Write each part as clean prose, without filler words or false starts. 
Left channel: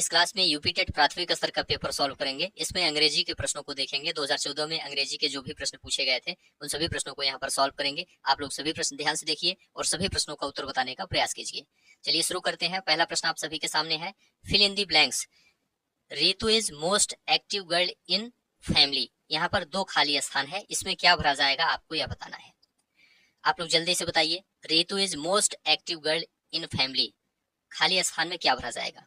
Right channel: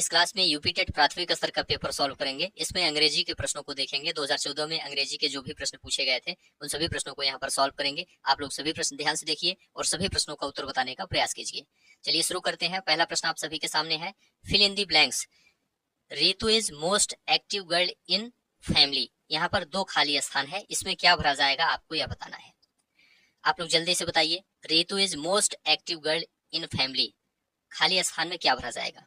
इस क्लास में UP TET प्राथमिक स्तर का पेपर सॉल्व करेंगे। इसमें अंग्रेजी के प्रश्नों को देखेंगे। 2014 में अंग्रेजी के जो भी प्रश्न पूछे गए थे उन सभी प्रश्नों को यहाँ पर सॉल्व करेंगे। आप लोग सभी प्रश्न ध्यान से देखिए और सभी प्रश्नों का उत्तर बताने का प्रयास कीजिए। चलिए शुरू करते हैं। पहला प्रश्न आप सभी के सामने है, fill in the blanks. Ritu is most active girl in family. यहाँ पर दो खाली स्थान है, इसमें क्या भरा जाएगा आपको यह बताना है। आप लोग जल्दी से बताइए, Ritu is most active girl in family, खाली स्थान में क्या भरा जाएगा।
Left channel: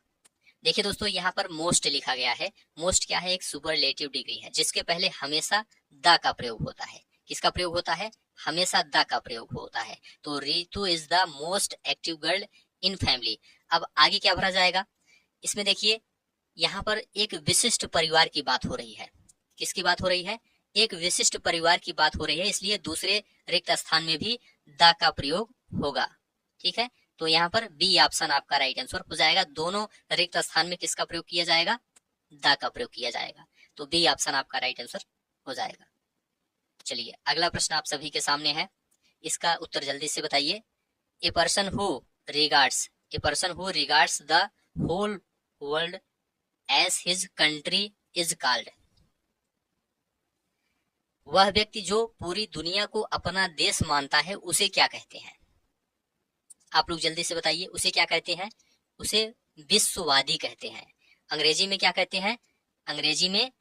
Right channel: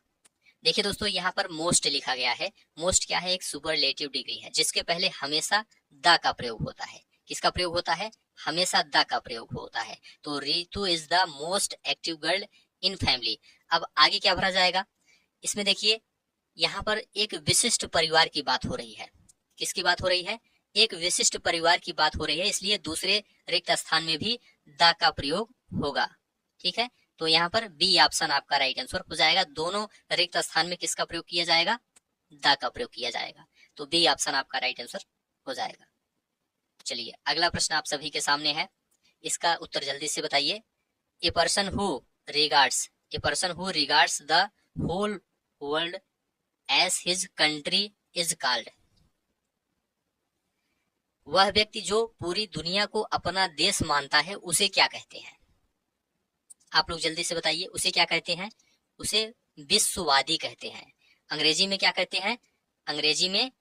देखिए दोस्तों, यहाँ पर मोस्ट लिखा गया है। मोस्ट क्या है? एक सुपरलेटिव डिग्री है जिसके पहले हमेशा द का प्रयोग होता है। किसका प्रयोग होता है? हमेशा द का प्रयोग होता है। तो Ritu is the most active girl in family. अब आगे क्या भरा जाएगा? इसमें देखिए, यहाँ पर एक विशिष्ट परिवार की बात हो रही है। किसकी बात हो रही है? एक विशिष्ट परिवार की बात हो रही है, इसलिए दूसरे रिक्त स्थान में भी द का प्रयोग होगा। ठीक है, तो यहाँ पर बी ऑप्शन आपका राइट आंसर हो जाएगा। दोनों रिक्त स्थान में किसका प्रयोग किया जाएगा? द का प्रयोग किया जाएगा। तो बी ऑप्शन आपका राइट आंसर हो जाएगा। चलिए अगला प्रश्न आप सभी के सामने है, इसका उत्तर जल्दी से बताइए। A person who regards, a person who regards the whole world as his country is called. वह व्यक्ति जो पूरी दुनिया को अपना देश मानता है उसे क्या कहते हैं? आप लोग जल्दी से बताइए, उसे क्या कहते हैं? उसे विश्ववादी कहते हैं। अंग्रेजी में क्या कहते हैं? अंग्रेजी में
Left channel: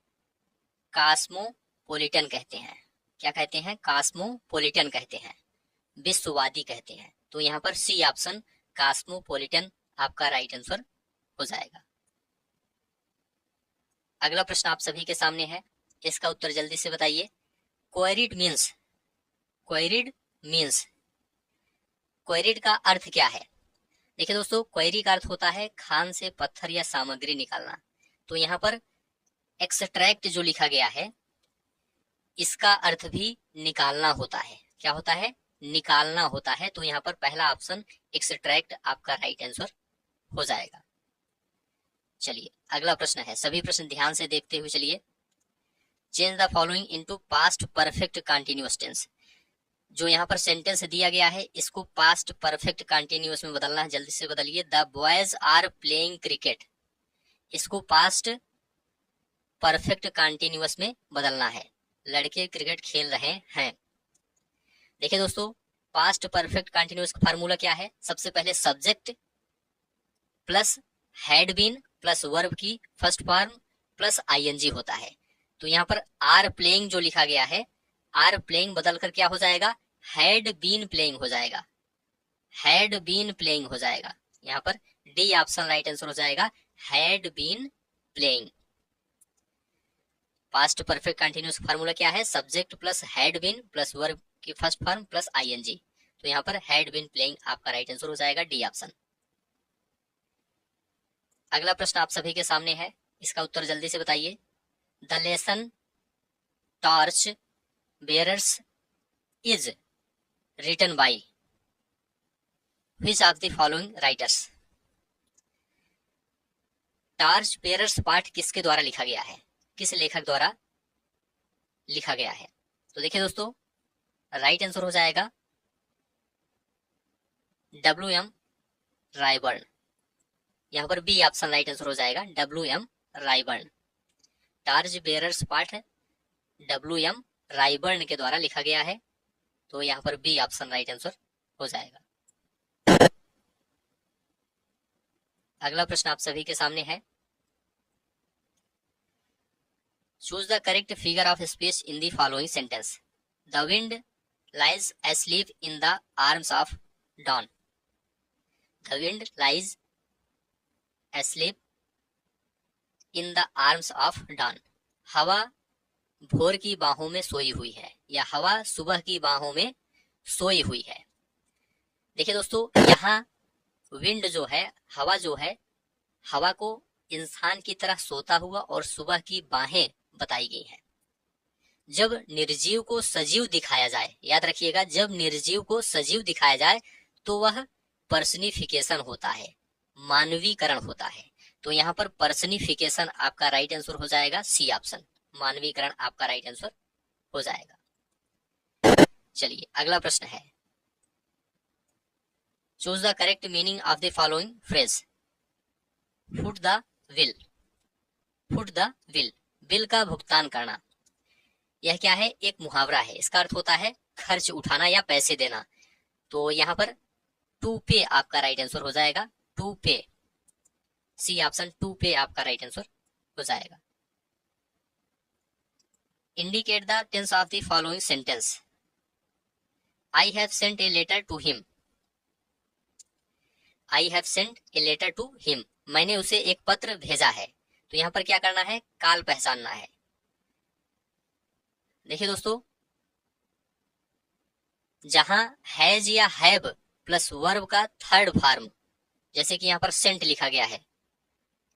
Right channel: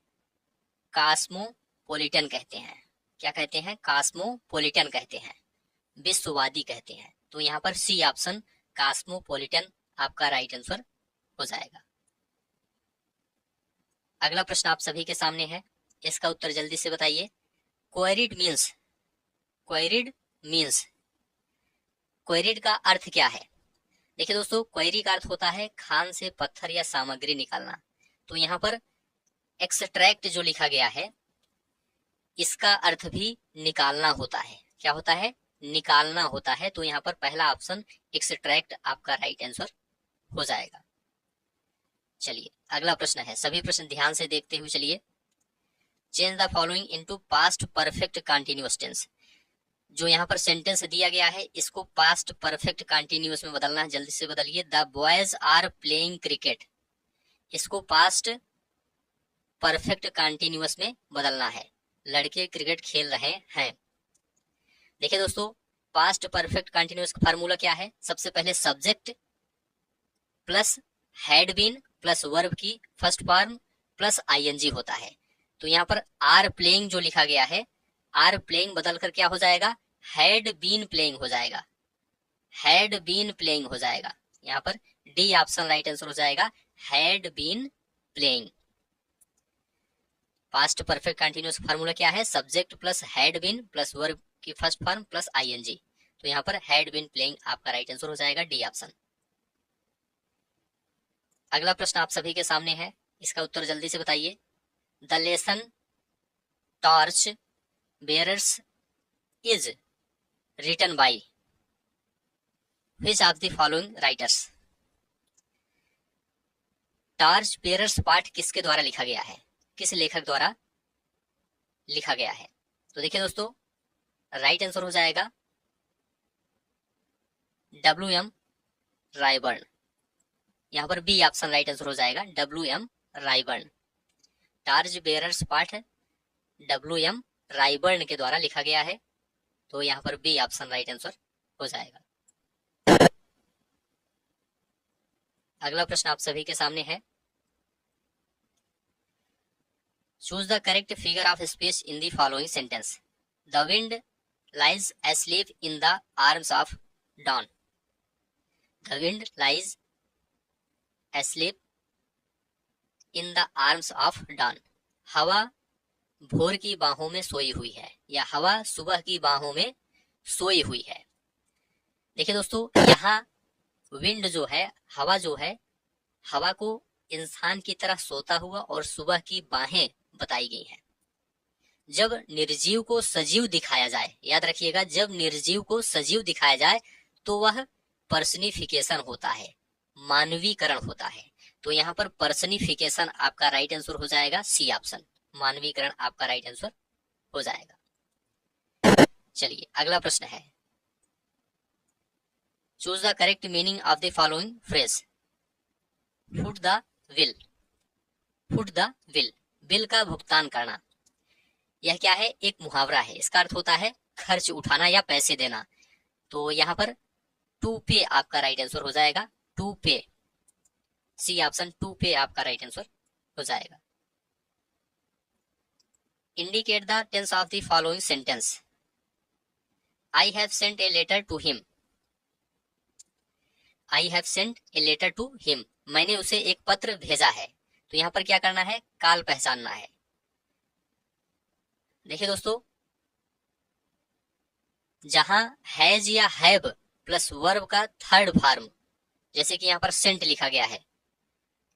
कॉस्मोपॉलिटन कहते हैं। क्या कहते हैं? कॉस्मोपॉलिटन कहते हैं, विश्ववादी कहते हैं। तो यहाँ पर सी ऑप्शन कॉस्मोपॉलिटन आपका राइट आंसर हो जाएगा। अगला प्रश्न आप सभी के सामने है, इसका उत्तर जल्दी से बताइए। क्वेरिड मीन्स, क्वेरिड मीन्स, क्वेरिड का अर्थ क्या है? देखिए दोस्तों, क्वेरी का अर्थ होता है खान से पत्थर या सामग्री निकालना। तो यहाँ पर एक्सट्रैक्ट जो लिखा गया है इसका अर्थ भी निकालना होता है। क्या होता है? निकालना होता है। तो यहाँ पर पहला ऑप्शन एक्सट्रैक्ट आपका राइट आंसर हो जाएगा। चलिए अगला प्रश्न है, सभी प्रश्न ध्यान से देखते हुए चलिए। Change the following into past perfect continuous tense. जो यहाँ पर सेंटेंस दिया गया है इसको पास्ट परफेक्ट कंटीन्यूअस में बदलना है। जल्दी से बदलिए। The boys are playing cricket, इसको पास्ट परफेक्ट कंटीन्यूअस में बदलना है। लड़के क्रिकेट खेल रहे हैं। देखिए दोस्तों, पास्ट परफेक्ट कंटीन्यूअस का फार्मूला क्या है? सबसे पहले subject plus had been plus verb की फर्स्ट फॉर्म प्लस आईएनजी होता है। तो यहाँ पर आर प्लेइंग जो लिखा गया है, आर प्लेइंग बदल कर क्या हो जाएगा? हैड बीन प्लेइंग हो जाएगा। हैड बीन प्लेइंग हो जाएगा। यहाँ पर डी ऑप्शन राइट आंसर हो जाएगा, had been playing. Past perfect continuous formula क्या है? Subject plus had been plus verb की फर्स्ट फॉर्म प्लस आईएनजी। तो यहाँ पर हैड बीन प्लेइंग आपका राइट आंसर हो जाएगा, डी ऑप्शन। अगला प्रश्न आप सभी के सामने है, इसका उत्तर जल्दी से बताइए। The lesson torch bearers is written by which of the following writers. Torch bearers पाठ किसके द्वारा लिखा गया है? किस लेखक द्वारा लिखा गया है? तो देखिए दोस्तों, राइट आंसर हो जाएगा WM रायबर्न। यहाँ पर बी ऑप्शन राइट आंसर हो जाएगा, WM रायबर्न। टॉर्च बेयरर्स पाठ WM रायबर्न के द्वारा लिखा गया है। तो यहाँ पर बी ऑप्शन राइट आंसर हो जाएगा। अगला प्रश्न आप सभी के सामने है, choose the correct figure of speech in the following sentence. The wind lies asleep in the arms of dawn. The wind lies asleep in the arms of dawn. हवा भोर की बाहों में सोई हुई है, या हवा सुबह की बाहों में सोई हुई है। देखिए दोस्तों, यहाँ विंड जो है, हवा जो है, हवा को इंसान की तरह सोता हुआ और सुबह की बाहें बताई गई हैं। जब निर्जीव को सजीव दिखाया जाए, याद रखिएगा, जब निर्जीव को सजीव दिखाया जाए तो वह पर्सनिफिकेशन होता है, मानवीकरण होता है। तो यहाँ पर पर्सनिफिकेशन आपका राइट आंसर हो जाएगा, सी ऑप्शन, मानवीकरण आपका राइट आंसर हो जाएगा। चलिए अगला प्रश्न है, choose the correct meaning of the following phrase. Foot the will, foot the will, bill का भुगतान करना। यह क्या है, एक मुहावरा है, इसका अर्थ होता है खर्च उठाना या पैसे देना। तो यहाँ पर टू पे आपका राइट आंसर हो जाएगा, टू पे, सी ऑप्शन टू पे आपका राइट आंसर हो जाएगा। Indicate the tense of the following sentence. I have sent a letter to him, I have sent a letter to him, मैंने उसे एक पत्र भेजा है। तो यहाँ पर क्या करना है, काल पहचानना है। देखिए दोस्तों, जहां हैज या हैव प्लस वर्ब का थर्ड फॉर्म, जैसे कि यहाँ पर सेंट लिखा गया है,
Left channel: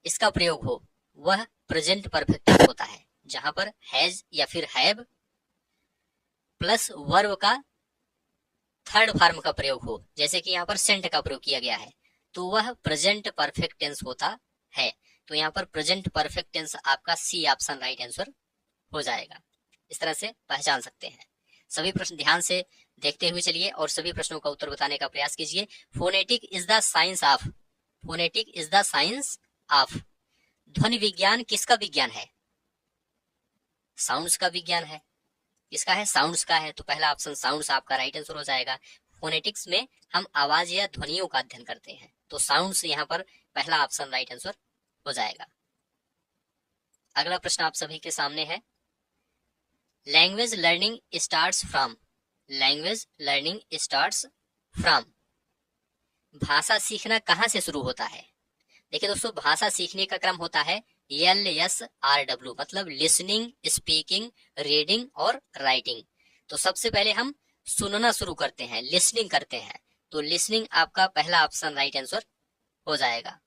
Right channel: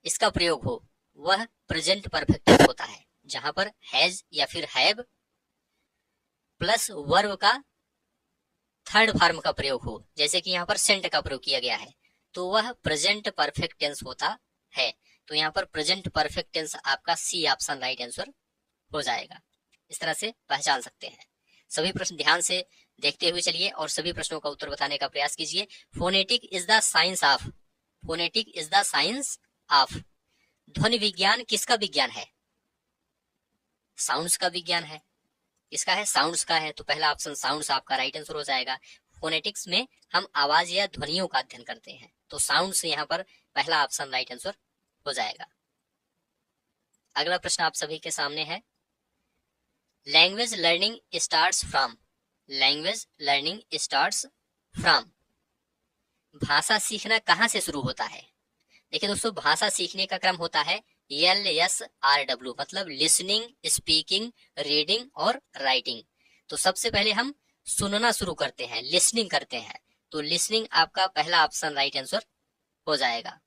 इसका प्रयोग हो, वह प्रेजेंट परफेक्ट होता है। जहां पर हैज या फिर हैव प्लस वर्ब का थर्ड फॉर्म का प्रयोग हो, जैसे कि यहाँ पर सेंट का प्रयोग किया गया है, तो वह प्रेजेंट परफेक्ट टेंस होता है। तो यहाँ पर प्रेजेंट परफेक्ट टेंस आपका सी ऑप्शन राइट आंसर हो जाएगा। इस तरह से पहचान सकते हैं। सभी प्रश्न ध्यान से देखते हुए चलिए और सभी प्रश्नों का उत्तर बताने का प्रयास कीजिए। Phonetic is the science of, phonetic is the science of, ध्वनि विज्ञान किसका विज्ञान है, साउंड्स का विज्ञान है। किसका है, साउंड्स का है। तो पहला ऑप्शन साउंड्स आपका राइट आंसर हो जाएगा। फोनेटिक्स में हम आवाज या ध्वनियों का अध्ययन करते हैं, तो साउंड्स यहाँ पर पहला ऑप्शन राइट आंसर हो जाएगा। अगला प्रश्न आप सभी के सामने है, language learning starts from, language learning starts from, भाषा सीखना कहां से शुरू होता है। देखिए दोस्तों, भाषा सीखने का क्रम होता है LSRW, मतलब लिसनिंग, स्पीकिंग, रीडिंग और राइटिंग। तो सबसे पहले हम सुनना शुरू करते हैं, लिसनिंग करते हैं, तो लिसनिंग आपका पहला ऑप्शन राइट आंसर हो जाएगा।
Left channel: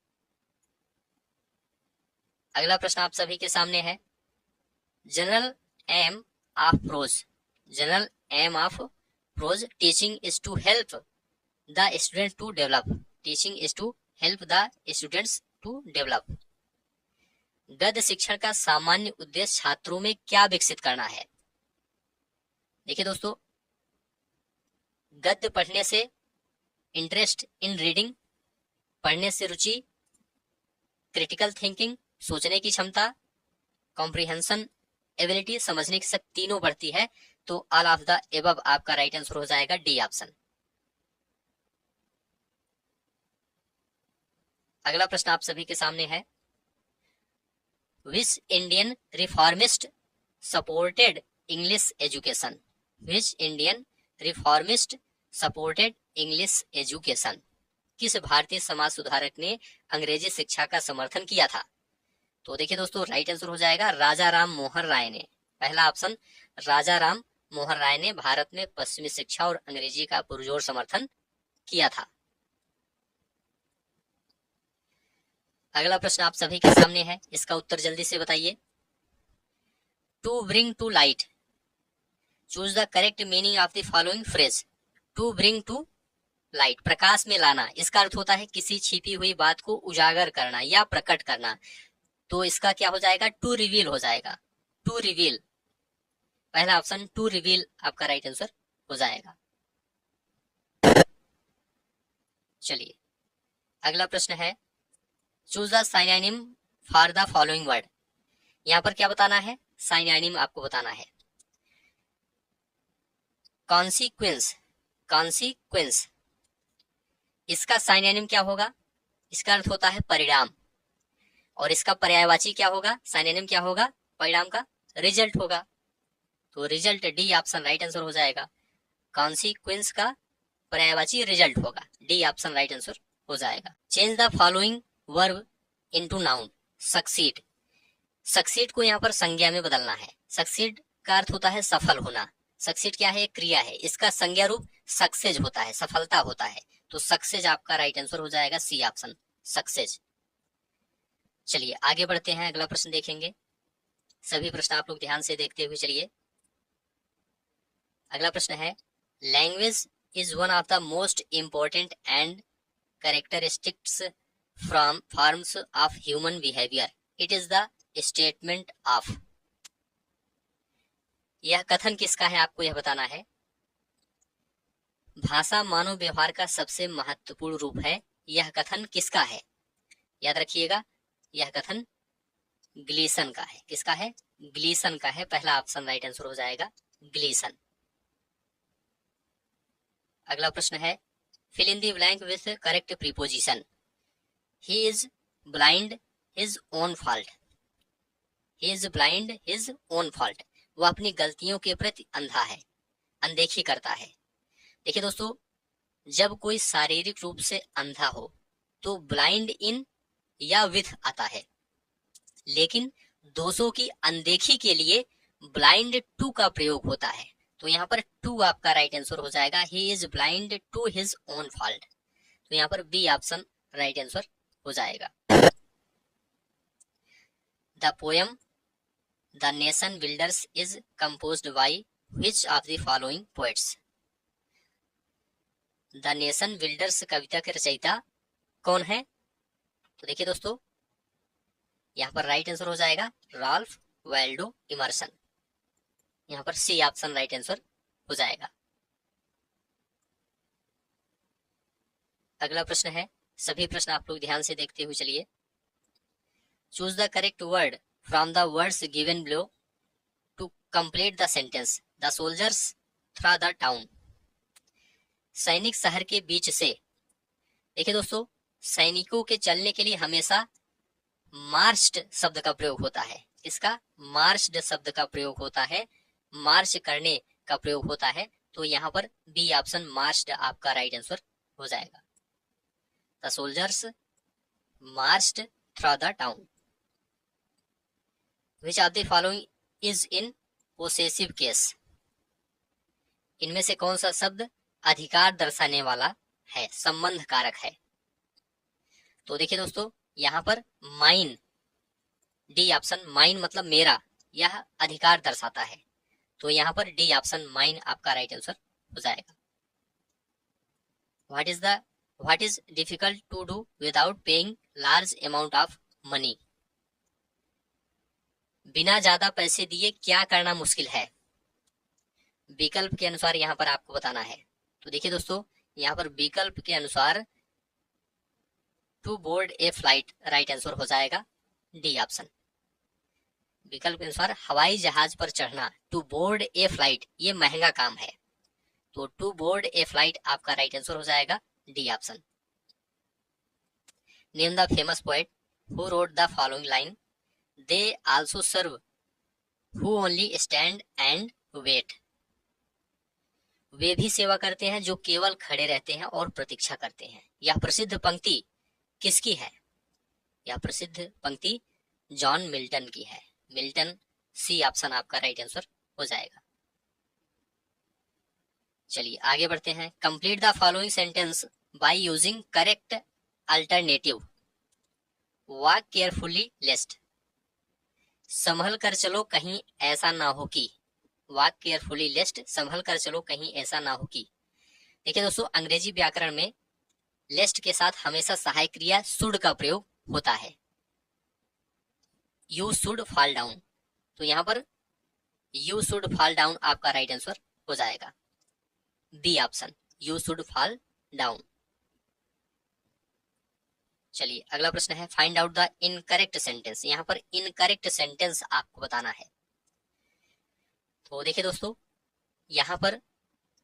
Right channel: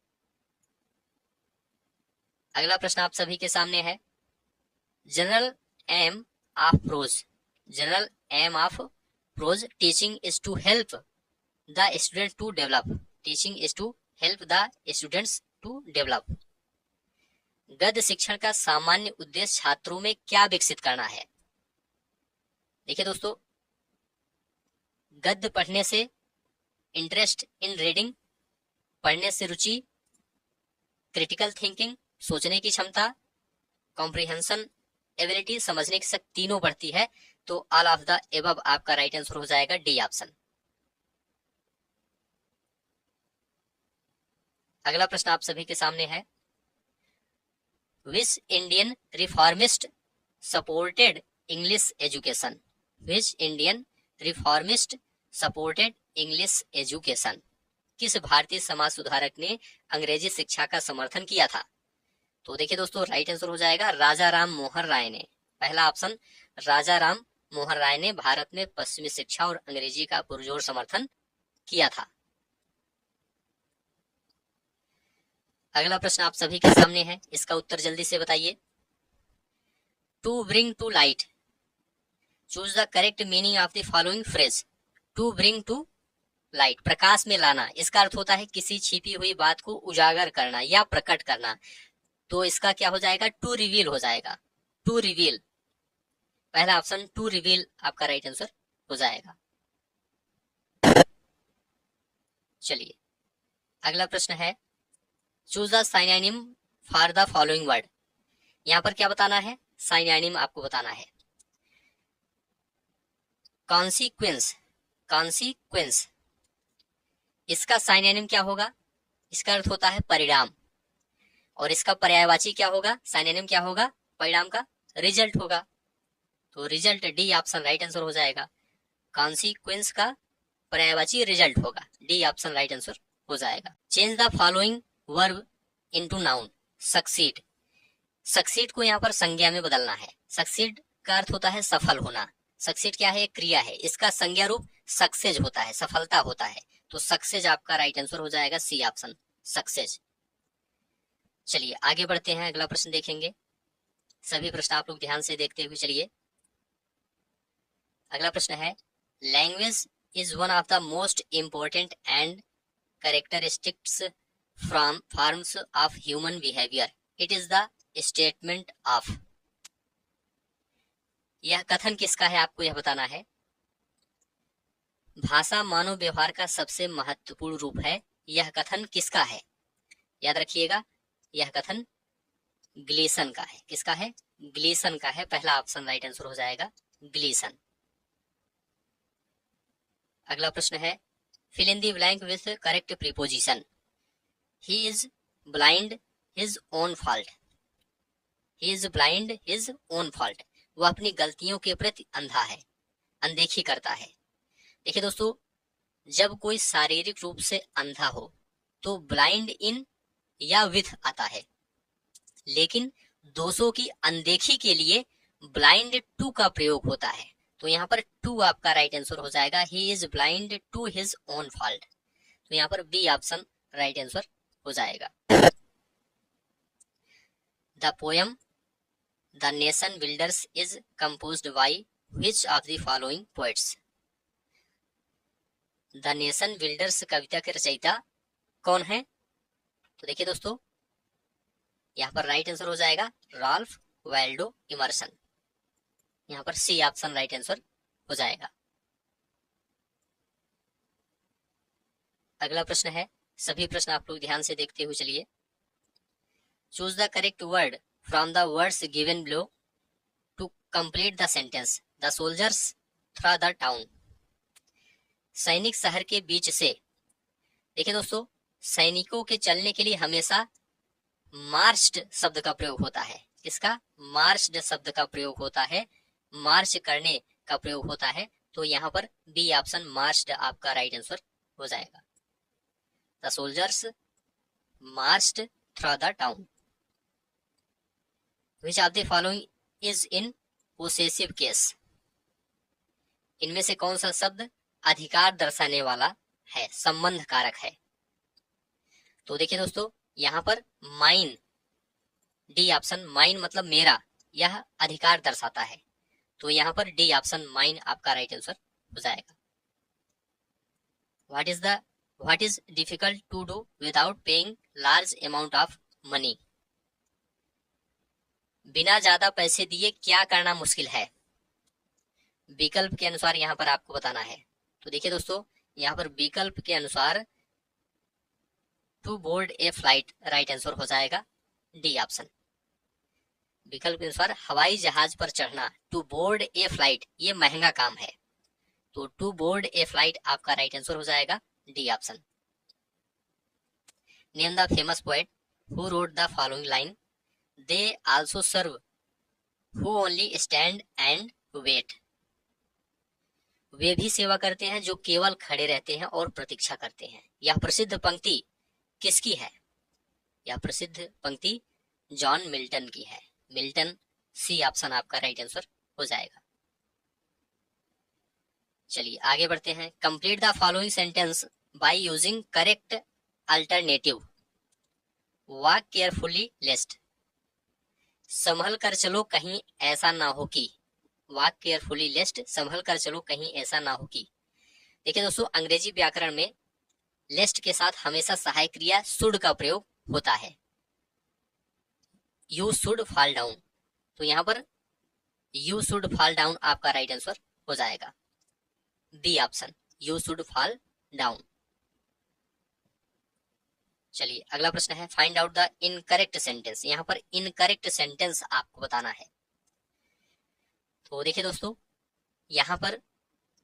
अगला प्रश्न आप सभी के सामने है, general aim of prose, general aim of prose teaching is to help the student to develop, teaching is to help the students to develop. गद्य शिक्षण का सामान्य उद्देश्य छात्रों में क्या विकसित करना है। देखिए दोस्तों, गद्य पढ़ने से इंटरेस्ट इन रीडिंग, पढ़ने से रुचि, क्रिटिकल थिंकिंग, सोचने की क्षमता, कॉम्प्रिहेंशन एबिलिटी, समझने की शक्ति, तीनों बढ़ती है। तो ऑल ऑफ द एबव आपका राइट आंसर हो जाएगा, डी ऑप्शन। अगला प्रश्न आप सभी के सामने है, which Indian reformist supported English education, which Indian reformist supported English education, किस भारतीय समाज सुधारक ने अंग्रेजी शिक्षा का समर्थन किया था। तो देखिए दोस्तों, राइट आंसर हो जाएगा राजा राम मोहन राय ने, पहला ऑप्शन राजा राम मोहन राय ने भारत में पश्चिमी शिक्षा और अंग्रेजी का पुरजोर समर्थन किया था। अगला प्रश्न आप सभी के सामने है, इसका उत्तर जल्दी से बताइए। To bring to light, choose the correct meaning of the following phrase. To bring to light, प्रकाश में लाना, इसका अर्थ होता है किसी छिपी हुई बात को उजागर करना या प्रकट करना। तो इसका क्या हो जाएगा, टू रिवील हो जाएगा, टू रिवील, पहला ऑप्शन टू रिवील आपका राइट आंसर हो जाएगा। चलिए अगला प्रश्न है, choose the synonym for the following word. यहां पर क्या बताना है, साइनोनिम आपको बताना है। कॉन्सिक्वेंस, कॉन्सिक्वेंस, इसका साइनोनिम क्या होगा, इसका अर्थ होता है परिणाम, और इसका पर्यायवाची क्या होगा, साइनोनिम क्या होगा, परिणाम का रिजल्ट होगा। तो result, D option right answer हो जाएगा। कॉन्सिक्वेंस का पर्यायवाची रिजल्ट होगा, डी ऑप्शन राइट आंसर हो जाएगा। Change the following verb into noun. Succeed, succeed को यहाँ पर संज्ञा में बदलना है। सक्सीड का अर्थ होता है सफल होना, सक्सीड क्या है, क्रिया है, इसका संज्ञा रूप सक्सेज होता है, सफलता होता है। तो सक्सेज आपका राइट आंसर हो जाएगा, सी ऑप्शन सक्सेज। चलिए आगे बढ़ते हैं, अगला प्रश्न देखेंगे। सभी प्रश्न आप लोग ध्यान से देखते हुए चलिए। अगला प्रश्न है, language is one of the most important and characteristics from forms of human behaviour, it is the statement of. यह कथन किसका है, आपको यह बताना है। भाषा मानव व्यवहार का सबसे महत्वपूर्ण रूप है, यह कथन किसका है। याद रखिएगा, यह कथन ग्लीसन का है। किसका है? ग्लीसन का है। पहला ऑप्शन राइट आंसर हो जाएगा ग्लीसन। अगला प्रश्न है fill in the blank with correct preposition. He is blind his own fault. He is blind his own fault. वो अपनी गलतियों के प्रति अंधा है, अनदेखी करता है। देखिए दोस्तों, जब कोई शारीरिक रूप से अंधा हो तो ब्लाइंड इन या विथ आता है, लेकिन दोषों की अनदेखी के लिए ब्लाइंड टू का प्रयोग होता है। तो यहाँ पर टू आपका राइट आंसर हो जाएगा। He is blind to his own fault. तो यहाँ पर बी ऑप्शन राइट आंसर हो जाएगा। The poem the nation builders is composed by which of the following poets. The nation builders कविता के रचयिता कौन है? तो देखिए दोस्तों, यहाँ पर राइट आंसर हो जाएगा राल्फ वाल्डो इमर्सन। यहाँ पर सी ऑप्शन राइट आंसर हो जाएगा। अगला प्रश्न है, सभी प्रश्न आप लोग ध्यान से देखते हुए चलिए। Choose the correct word from the words given below to complete the sentence. The soldiers through the town. सैनिक शहर के बीच से। देखिए दोस्तों, सैनिकों के चलने के लिए हमेशा मार्च्ड शब्द का प्रयोग होता है। किसका? मार्च्ड शब्द का प्रयोग होता है, मार्च करने का प्रयोग होता है। तो यहाँ पर बी ऑप्शन मार्च्ड आपका राइट आंसर हो जाएगा। The soldiers marched through the town. Which of the following is in possessive case. इनमें से कौन सा शब्द अधिकार दर्शाने वाला है, संबंध कारक है? तो देखिए दोस्तों, यहाँ पर माइन, डी ऑप्शन माइन मतलब मेरा, यह अधिकार दर्शाता है। तो यहाँ पर डी ऑप्शन माइन आपका राइट आंसर हो जाएगा। What is difficult to do without paying large amount of money. बिना ज्यादा पैसे दिए क्या करना मुश्किल है? विकल्प के अनुसार यहाँ पर आपको बताना है। तो देखिए दोस्तों, यहाँ पर विकल्प के अनुसार to board a flight right answer हो जाएगा डी ऑप्शन। विकल्प के अनुसार हवाई जहाज पर चढ़ना, टू बोर्ड ए फ्लाइट, ये महंगा काम है। तो टू बोर्ड ए फ्लाइट आपका राइट आंसर हो जाएगा D option. Name the famous poet who wrote the following line. They also serve who only stand and wait. वे भी सेवा करते हैं जो केवल खड़े रहते हैं और प्रतीक्षा करते हैं। यह प्रसिद्ध पंक्ति किसकी है? यह प्रसिद्ध पंक्ति जॉन मिल्टन की है। मिल्टन, सी ऑप्शन आपका राइट आंसर हो जाएगा। चलिए आगे बढ़ते हैं। Complete the following sentence by using correct alternative. Walk carefully lest. संभल कर चलो कहीं ऐसा ना हो कि। वॉक केयरफुली लेस्ट, संभल कर चलो कहीं ऐसा ना हो कि। देखिए दोस्तों, अंग्रेजी व्याकरण में लेस्ट के साथ हमेशा सहायक क्रिया शुड का प्रयोग होता है। You should fall down. तो यहाँ पर यू शुड फॉल डाउन आपका राइट आंसर हो जाएगा B option, you should fall down. चलिए अगला प्रश्न है, find out the incorrect sentence. यहाँ पर इनकरेक्ट सेंटेंस आपको बताना है। तो देखिए दोस्तों, यहाँ पर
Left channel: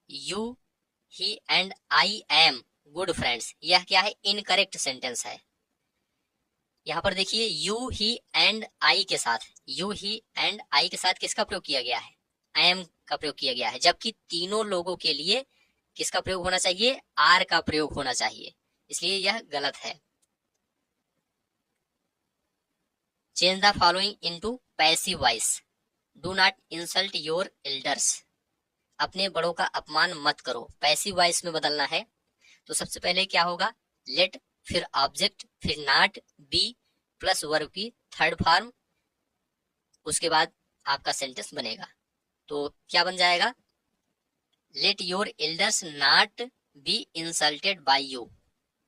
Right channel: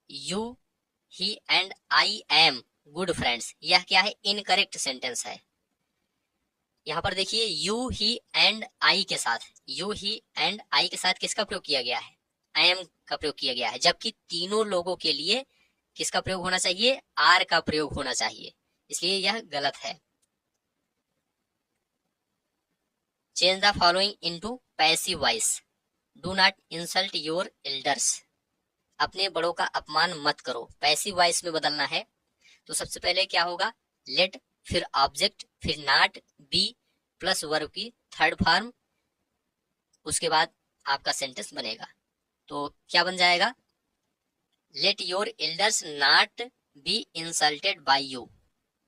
you, he and I am good friends, यह क्या है? इनकरेक्ट सेंटेंस है। यहाँ पर देखिए यू, ही एंड आई के साथ, यू, ही एंड आई के साथ किसका प्रयोग किया गया है? आई एम का प्रयोग किया गया है। जबकि तीनों लोगों के लिए किसका प्रयोग होना चाहिए? आर का प्रयोग होना चाहिए, इसलिए यह गलत है। Change the following into passive voice. Do not insult your elders. अपने बड़ों का अपमान मत करो, पैसिव वॉइस में बदलना है। तो सबसे पहले क्या होगा? लेट, फिर ऑब्जेक्ट, फिर नॉट, बी प्लस वर्ब की थर्ड फॉर्म, उसके बाद आपका सेंटेंस बनेगा। तो क्या बन जाएगा? Let your elders not be insulted by you.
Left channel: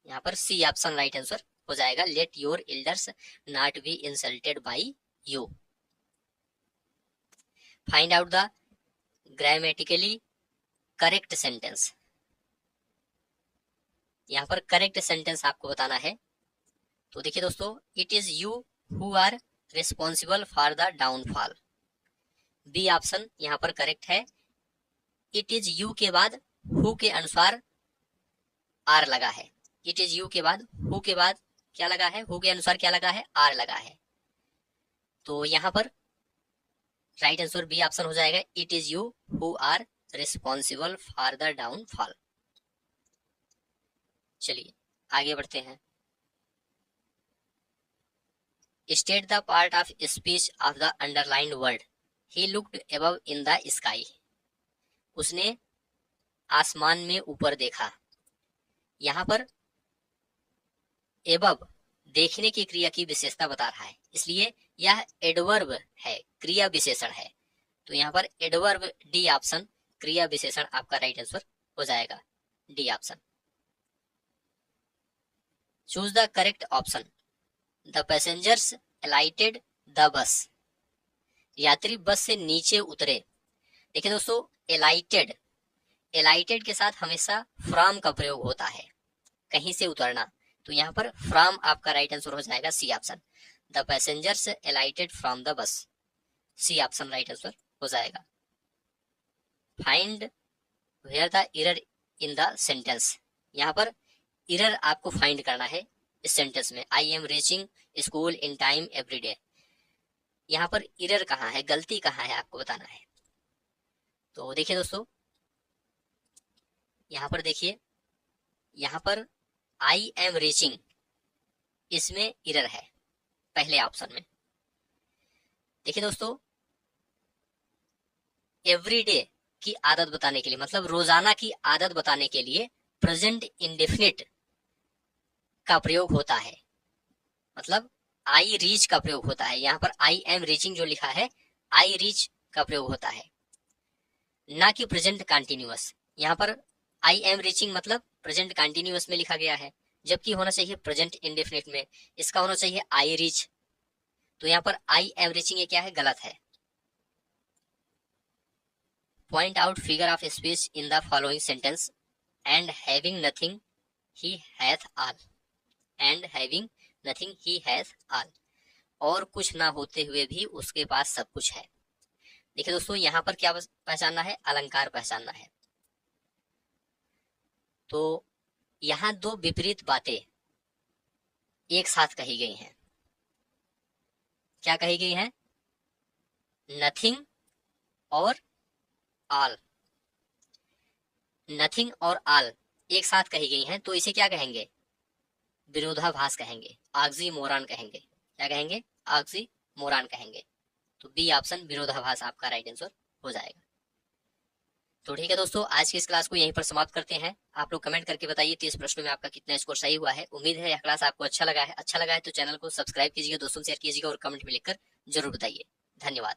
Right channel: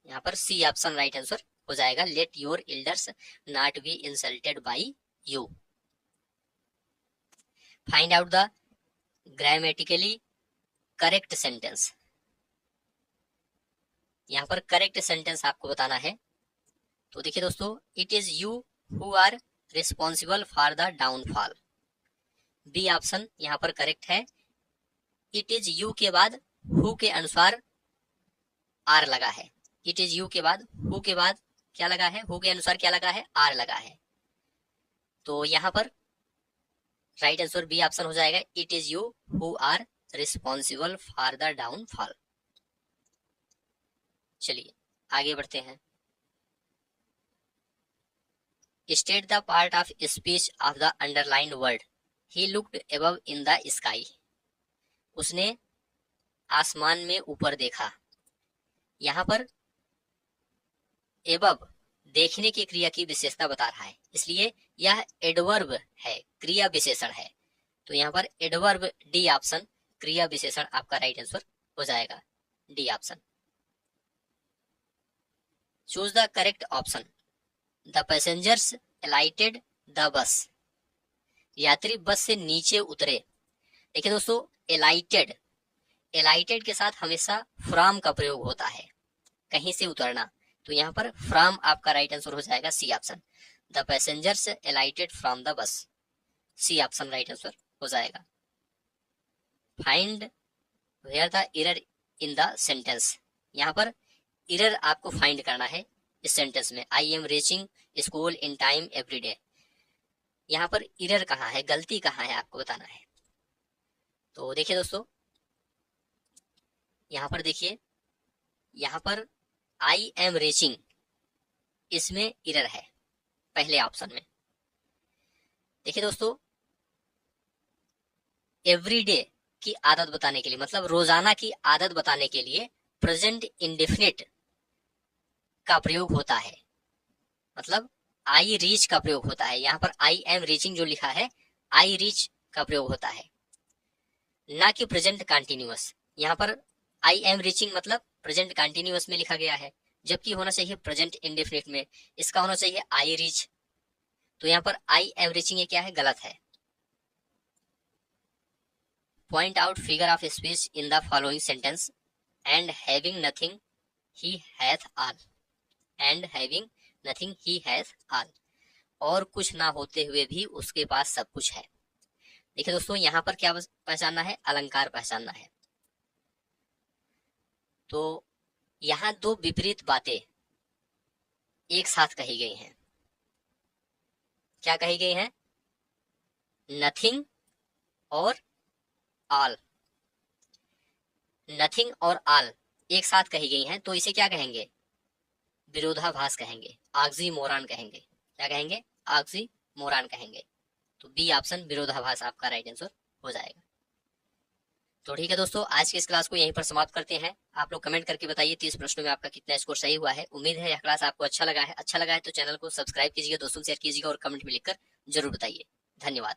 यहाँ पर सी ऑप्शन राइट आंसर हो जाएगा, let your elders not be insulted by you. Find out the grammatically correct sentence. यहाँ पर करेक्ट सेंटेंस आपको बताना है। तो देखिए दोस्तों, it is you who are responsible for the downfall. B option यहाँ पर करेक्ट है। इट इज यू के बाद हु के अनुसार आर लगा है। इट इज यू के बाद हु के बाद क्या लगा है, हु के अनुसार क्या लगा है, आर लगा है। तो यहाँ पर राइट आंसर बी ऑप्शन हो जाएगा, it is you who are responsible for the downfall. चलिए आगे बढ़ते हैं। State the part of speech of the underlined word he looked above in the sky. उसने आसमान में ऊपर देखा। यहाँ पर एबव देखने की क्रिया की विशेषता बता रहा है, इसलिए यह एडवर्ब है, क्रिया विशेषण है। तो यहाँ पर एडवर्ब डी ऑप्शन क्रिया विशेषण आपका राइट आंसर हो जाएगा, D option. Choose the correct option. The passengers अलाइटेड the bus. यात्री बस से नीचे उतरे। देखिए दोस्तों, एलाइटेड, एलाइटेड के साथ हमेशा फ्रॉम का प्रयोग होता है, कहीं से उतरना। तो यहाँ पर फ्रॉम आपका राइट आंसर हो जाएगा, C option. The passengers alighted from the bus, C option right answer हो जाएगा। Find where the error in the sentence. यहाँ पर एरर आपको फाइंड करना है इस सेंटेंस में। I am reaching school in time every day. यहाँ पर एरर कहाँ है, गलती कहाँ है, आपको बताना है। तो देखिए दोस्तों, यहाँ पर देखिए, यहाँ पर आई एम रीचिंग, इसमें एरर है पहले ऑप्शन में। देखिए दोस्तों, एवरीडे की आदत बताने के लिए, मतलब रोजाना की आदत बताने के लिए प्रेजेंट इंडेफिनिट का प्रयोग होता है, मतलब आई रीच का प्रयोग होता है। यहाँ पर आई एम रीचिंग जो लिखा है, आई रीच का प्रयोग होता है, ना कि प्रेजेंट कंटिन्यूअस। यहाँ पर आई एम रीचिंग मतलब प्रेजेंट कंटिन्यूअस में लिखा गया है, जबकि होना चाहिए प्रेजेंट इंडेफिनिट में, इसका होना चाहिए आई रीच। तो यहाँ पर आई एम रीचिंग ये क्या है, गलत है। Point out figure of speech in the following sentence and having nothing he hath all. And having nothing he hath all, और कुछ ना होते हुए भी उसके पास सब कुछ है। देखिए दोस्तों, यहाँ पर क्या पहचानना है, अलंकार पहचानना है। तो यहाँ दो विपरीत बातें एक साथ कही गई हैं। क्या कही गई हैं, नथिंग और ऑल। नथिंग और ऑल एक साथ कही गई हैं, तो इसे क्या कहेंगे, विरोधाभास कहेंगे, ऑक्सीमोरॉन कहेंगे। क्या कहेंगे, ऑक्सीमोरॉन कहेंगे। तो बी ऑप्शन विरोधाभास आपका राइट आंसर हो जाएगा। तो ठीक है दोस्तों, आज की इस क्लास को यहीं पर समाप्त करते हैं। आप लोग कमेंट करके बताइए 30 प्रश्नों में आपका कितना स्कोर सही हुआ है। उम्मीद है यह क्लास आपको अच्छा लगा है। अच्छा लगा है तो चैनल को सब्सक्राइब कीजिएगा, दोस्तों शेयर कीजिएगा और कमेंट में लिखकर जरूर बताइए। धन्यवाद।